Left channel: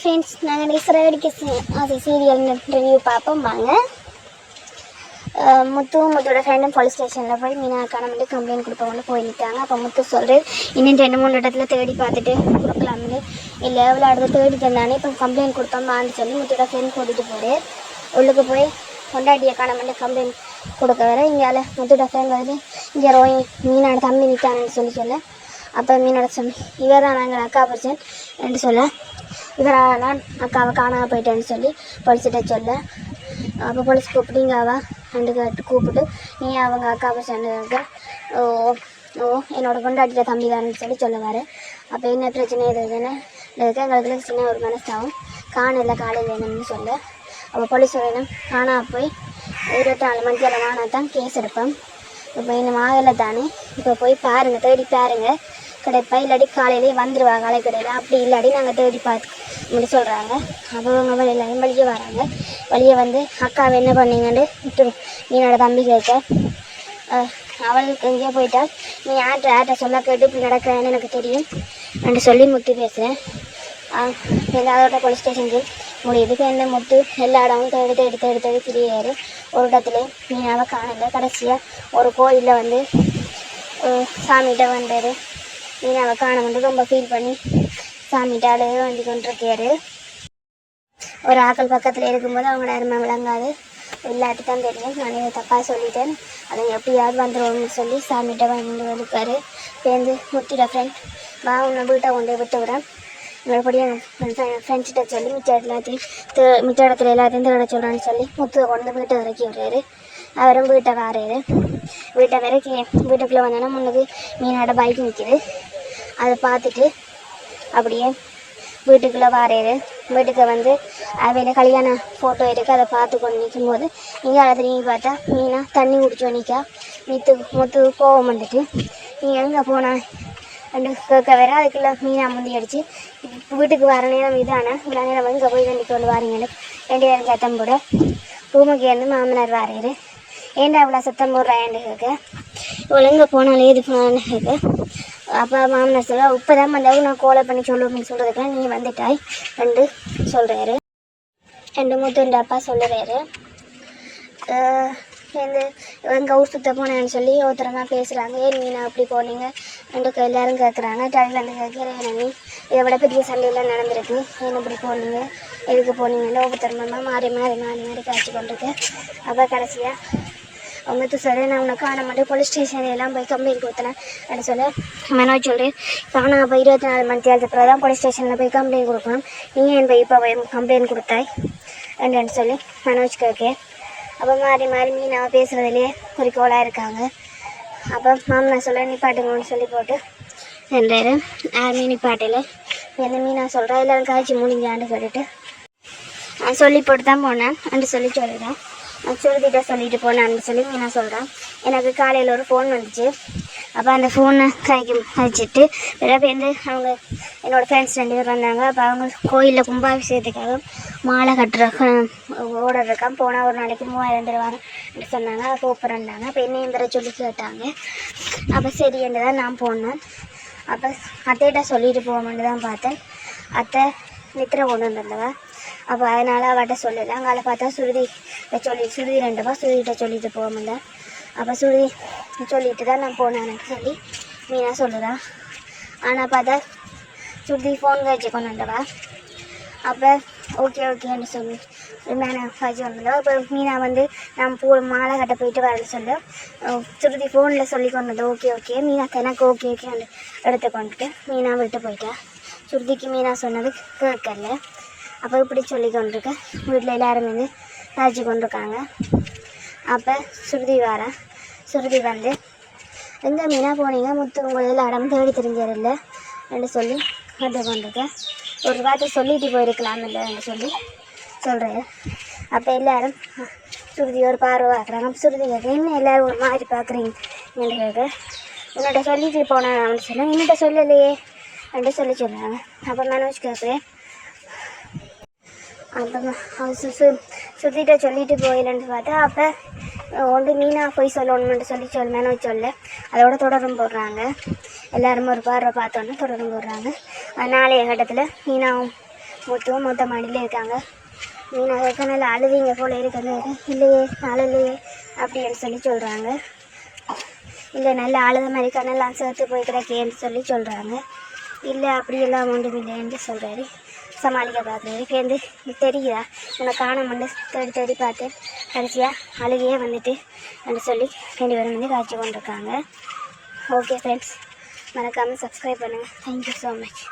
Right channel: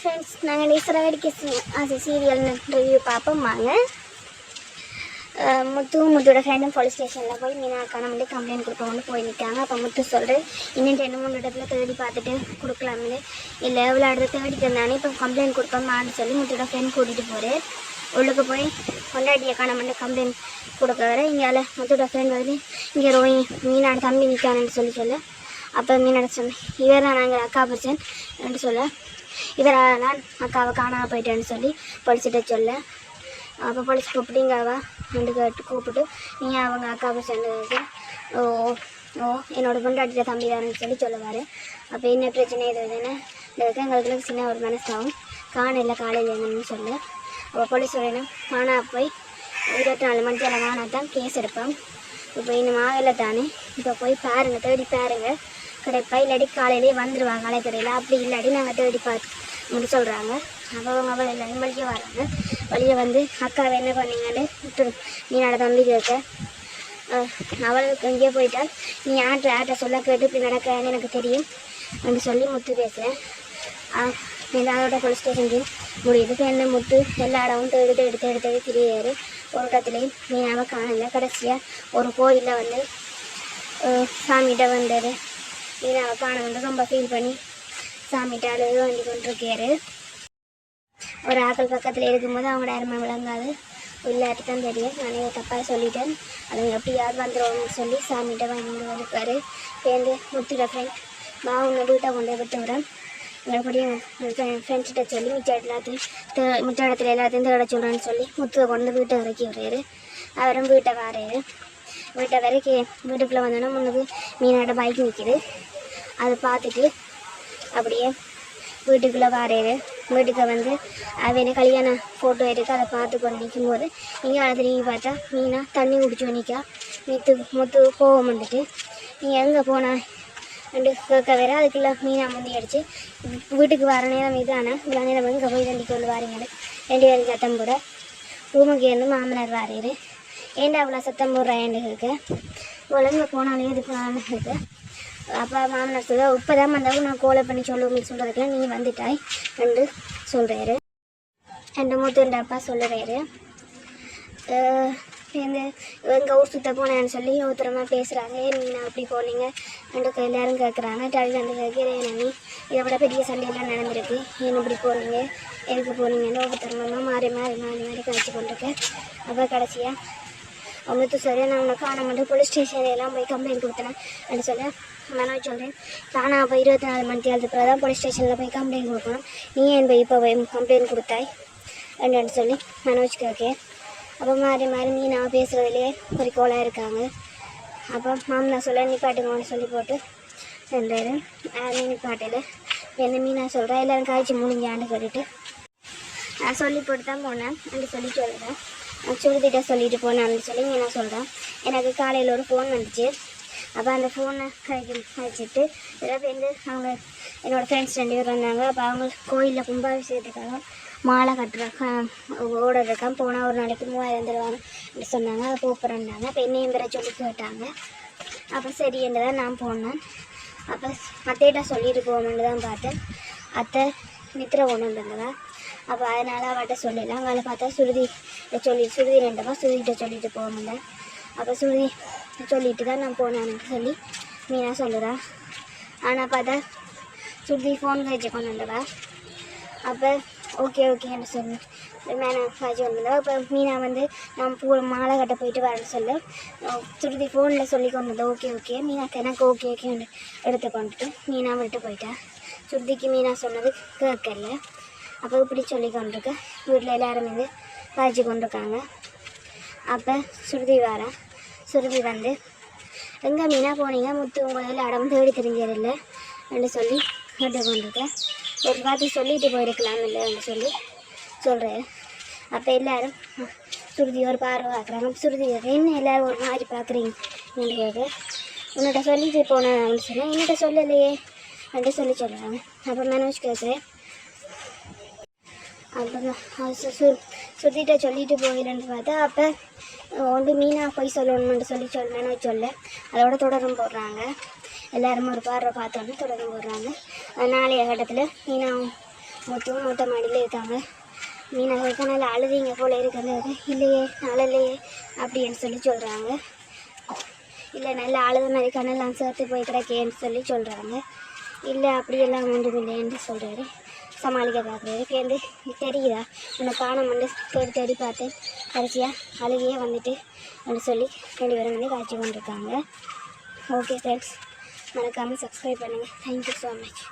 Friends, நாங்கள் இஸ்ரேலிக்கு அது serial review பார்ப்போம் வாங்க. முத்தோட ஃப்ரெண்டும் போலீஸ் ஸ்டேஷனில் போய் மீனா அக்கானு கம்ப்ளைண்ட் கொடுப்பவங்க போய் நிற்காங்க. அப்போ முத்து சொல்கிறேன், இன்னும் 2-3 இடத்துல தேடி பார்த்துட்டு கொடுக்கலாம்னு. இல்லை எவ்வளோ இடத்துல தேடி தந்தானே இப்போ கம்ப்ளைண்ட் கொடுப்போம்மான்னு சொல்லி முத்தோட ஃப்ரெண்ட் கூட்டிகிட்டு போகிறேன். உள்ளுக்கு போய் கொண்டாடி அக்கானு கம்ப்ளைண்ட் கொடுக்க வர இங்கே முத்தோட ஃப்ரெண்ட் வந்து இங்கே ரோஹி மீனோட தம்பி நிற்கானு சொல்ல அப்போ மீனோட சொல்லி இவர் தான் நாங்கள் அக்கா பர்சன் என்று சொல்ல இவரால் அக்காவை காணாமல் போயிட்டேன்னு சொல்லி போலீஸ்கிட்ட சொல்ல அப்போ போலீஸ் கூப்பிட்டு இங்கே அவள் ரெண்டு கேட்டு கூப்பிட்டு நீ அவங்க அக்கா பர்சன் ஓ ஓ என்னோட பொண்டாட்டிய தம்பி தானேன்னு சொல்லி சொல்லுவார். அப்போ என்ன பிரச்சனை எதுன்னு எங்களுக்கு சின்ன ஒரு மனசாகவும் காணல காலையில் என்னன்னு சொல்ல அப்போ போலீஸ் சொல்லணும் காணா போய் 24 மணிக்கு காணாதான் கேஸ் எடுப்போம். இப்போ இன்னும் ஆகலை தானே, இப்போ போய் பாருங்கள் தேடி பாருங்கள் கிடைப்பா, இல்லாட்டி காலையிலேயே வந்துடுவா கடையில், அப்படி இல்லாட்டி நாங்கள் தேடி பார்த்து இப்படி சொல்கிறாங்க. அப்போ அவங்க எல்லாரும் வழியே வராங்க. வழியே வந்து அக்காவை என்ன பண்ணீங்கன்னு மீனோட தம்பி கேட்க அவளுக்கு எங்கேயோ போயிட்டா நீ யார்கிட்ட சொல்ல கேட்டு இப்படி நடக்கிறேன்னு எனக்கு தெரியும் என்று சொல்லி முத்து பேசுகிறேன். அதோட போலீஸ் ஸ்டேஷனுக்கு முடியுது. இப்போ என்ன முத்து எல்லா இடமும் தேடி திரியாரு. ஒரு இடத்துலையும் மீனாவை காணலை. கடைசியாக ஒரு கோயிலில் வந்து சாமிகிட்ட வந்தார். மீனாவை காண ரொம்ப ஃபீல் பண்ணி சாமிகிட்ட அழுது வண்டி கொண்டிருக்காரு. ஒரு ஆக்கள் பக்கத்தில் இருக்கும்போது அவங்க நேரமாக விளங்காது, இல்லாட்டி தான் தெரியும் நான் தப்பாக சொல்லிட்டேன், அதை எப்படியாவது வந்துடுவோம்னு சொல்லி சாமிகிட்ட வாங்கிட்டு வந்துருக்காரு. சேர்ந்து முத்துட ஃப்ரெண்ட் வா உன்னை வீட்டை கொண்டு விட்டு விடுறேன், மறுபடியும் ஃப்ரெண்ட்ஸ்கிட்ட சொல்லி மிச்ச இடத்துல எல்லாத்தையும் தேட சொல்கிறேன்னு சொல்லி முத்துவை கொண்டு வீட்டை இறக்கி விடுறாரு. அவரும் வீட்டை வாராரு. வீட்டுக்குள்ளே வந்தோன்னா முன்னுக்கு மீனோட பைக் நிற்கிது. அதை பார்த்துட்டு அப்படியே வீட்டுக்குள்ளே வாராரு. வீட்டுக்கு வந்து அவையில் கல்யாண ஃபோட்டோ இருக்குது, அதை பார்த்து கொண்டு நிற்கும்போது இங்கே அதை நீங்கள் பார்த்தா மீனா தண்ணி குடிச்சோம் நிற்கா. முத்து கோவம் வந்துட்டு நீ எங்கே போனா ரெண்டு கேட்க வேற. அதுக்குள்ளே மீனா முந்தி அடித்து வீட்டுக்கு வர நேரம் இதானா இவ்வளோ நேரம் இங்கே போய் தண்டி கொண்டு வாரீங்கன்னு 2 பேரும் சத்தம் போட ரூமுக்கு இருந்து மாமனார் வாராரு. ஏண்டா அவ்வளோ சத்தம் போடுறாயன்னு கேட்க இவ்வளோ எங்கே போனாலே இது போனான்னு கேட்க அப்போ மாமனார் சொல்ல இப்போ தான் வந்தாலும் நான் கோலை பண்ணி சொல்லுவேன்னு சொல்கிறதுக்கெல்லாம் நீ வந்துட்டாய் ரெண்டு சொல்கிறாரு. மூத்த அப்பா சொல்லுறாரு. சேர்ந்து எங்கள் ஊர் சுற்ற போனேன்னு சொல்லி ஒருத்தரமாக பேசுகிறாங்க. ஏன் மீனா அப்படி போனீங்க ரெண்டு எல்லோரும் கேட்குறாங்க. டவி வந்து கேட்குறேன் நீ இதை விட பெரிய சண்டையெல்லாம் நடந்திருக்கு, ஏன் இப்படி போனீங்க எதுக்கு போனீங்கன்னு ஒவ்வொருத்தரமாக மாறி காய்ச்சி கொண்டிருக்கு. அப்போ கடைசியாக முத்து சார் நான் உன்னை காண மாட்டேன் போலீஸ் ஸ்டேஷன் எல்லாம் போய் கம்ப்ளைண்ட் கொடுத்தேன் அப்படின்னு சொல்ல மனோஜ் சொல்கிறேன் காணா இப்போ 24 மணி தேர்தல் தான் போலீஸ் ஸ்டேஷனில் போய் கம்ப்ளைண்ட் கொடுக்கணும், நீ ஏன் போய் இப்போ போய் கம்ப்ளைண்ட் கொடுத்தாய் அப்படின்னு சொல்லி மனோஜ் கேட்க அப்போ மாறி மீனாவை பேசுகிறதுலேயே குறிக்கோளாக இருக்காங்க. அப்போ மாமனா சொல்ல நிப்பாட்டுங்கன்னு சொல்லி போட்டு சென்றாரு. யாருமே நிப்பாட்டில் எந்த மீனா சொல்கிறா எல்லோரும் காய்ச்சி முடிஞ்சான்னு சொல்லிட்டு நான் சொல்லி போட்டு தான் போனேன் அப்படின்னு சொல்லி சொல்லுறேன். சுருதிட்ட சொல்லிட்டு போனான்னு சொல்லி மீனா சொல்கிறான். எனக்கு காலையில் ஒரு ஃபோன் வந்துச்சு. அப்போ அந்த ஃபோனை கைக்கு வச்சுட்டு பிறகு வந்து அவங்க என்னோடய ஃப்ரெண்ட்ஸ் 2 பேர் வந்தாங்க. அப்போ அவங்க கோயிலில் கும்பாபிஷேகத்துக்காக மாலை ஓடர் இருக்கான், போனால் ஒரு நாளைக்கு 3000 தருவாங்க சொன்னாங்க. அதை கூப்பிட்றாங்க. அப்போ என்னையும் வேற சொல்லி கேட்டாங்க. அப்போ சரி என்று தான் நான் போனேன். அப்போ அத்தைகிட்ட சொல்லிட்டு போகணுன்னு தான் பார்த்தேன். அத்தை நித்திரை கொண்டு வந்திருந்தவா. அப்போ அதனால் அவட்ட சொல்லலை. அங்கே பார்த்தா சுருதி 2 ரூபா சுருதிகிட்ட சொல்லிட்டு போக முடியல. அப்போ சுருதி சொல்லிட்டு தான் நான் போனேன்னு சொல்லி மீனா சொல்லுறா. ஆனால் பார்த்தா சுருதி ஃபோன் காய்ச்சி கொண்டு வந்தவா. அப்போ ஓகேன்னு சொல்லி மேலே காய்ச்சி கொண்டு வந்தவா. அப்போ மீனா வந்து நான் மாலை கட்ட போயிட்டு வரேன்னு சொல்லு சுருதி ஃபோனில் சொல்லி கொண்டு வந்தேன். ஓகே மீனா எனக்கு ஓகேன்னு எடுத்துக்கொண்டுட்டு மீனா விட்டு போயிட்டா. சுருதிக்கு மீனா சொன்னது கேட்கல. அப்போ இப்படி சொல்லி கொண்டிருக்க வீட்டில் எல்லோரும் வந்து காய்ச்சி கொண்டிருக்காங்க. அப்போ சுருதி வந்து எங்கே மீனா போனீங்க முத்து உங்களை இடம் தேடி தெரிஞ்சதில்லை என்று சொல்லி கேட்டு கொண்டிருக்கேன். ஒரு வார்த்தை சொல்லிட்டு போயிருக்கலாம் இல்லைன்னு சொல்லி சொல்கிறேன். அப்போ எல்லோரும் சுருதி ஒரு பார்வை பார்க்குறாங்க. சுருதி கேட்க என்ன எல்லோரும் ஒரு மாதிரி பார்க்குறீங்க என்று கேட்க உன்னிட்ட சொல்லிட்டு போனேன் அப்படின்னு சொல்லி என்னிட்ட சொல்லலையே அப்படின்னு சொல்லி சொல்கிறாங்க. அப்போ மனோஜ் கேட்குறேன். அப்போ சுருதிட்ட சொல்லிட்டு போயிடன்னு பார்த்தா அப்போ ஒன்று மீனா போய் சொல்லணும்னு சொல்லி மனோஜ் சொல்ல அதோட தொடரும் போடுறாங்க. எல்லாரும் ஒரு பார்வை பார்த்தோன்னே தொடரும் போடுறாங்க. நாளைய கட்டத்தில் மீனாவும் முத்துவும் மொத்த மாடியில் இருக்காங்க. மீனை கேட்க நல்லா அழுதிங்க போல இருக்குது. இல்லையே நாள் இல்லையே அப்படின்னு சொல்லி சொல்கிறாங்க. இல்லை நல்லா அழுத மாதிரி கண்ணெல்லாம் சேர்த்து போய் கிடக்கேன்னு சொல்லி சொல்கிறாங்க. இல்லை அப்படியெல்லாம் ஒன்றும் இல்லைன்னு சொல்கிறாரு. சமாளிக்க பார்க்குறேன். இப்போ தெரியுதா உன்னை காணாமண்டு தேடி தேடி பார்த்தேன், கடைசியாக அழுகையே வந்துட்டு அப்படின்னு சொல்லி 2 பேரும் வந்து காய்ச்சி கொண்டிருக்காங்க. ஓகே ஃப்ரெண்ட்ஸ், மறக்காமல் சப்ஸ்கிரைப் பண்ணுங்கள். Thank you so much.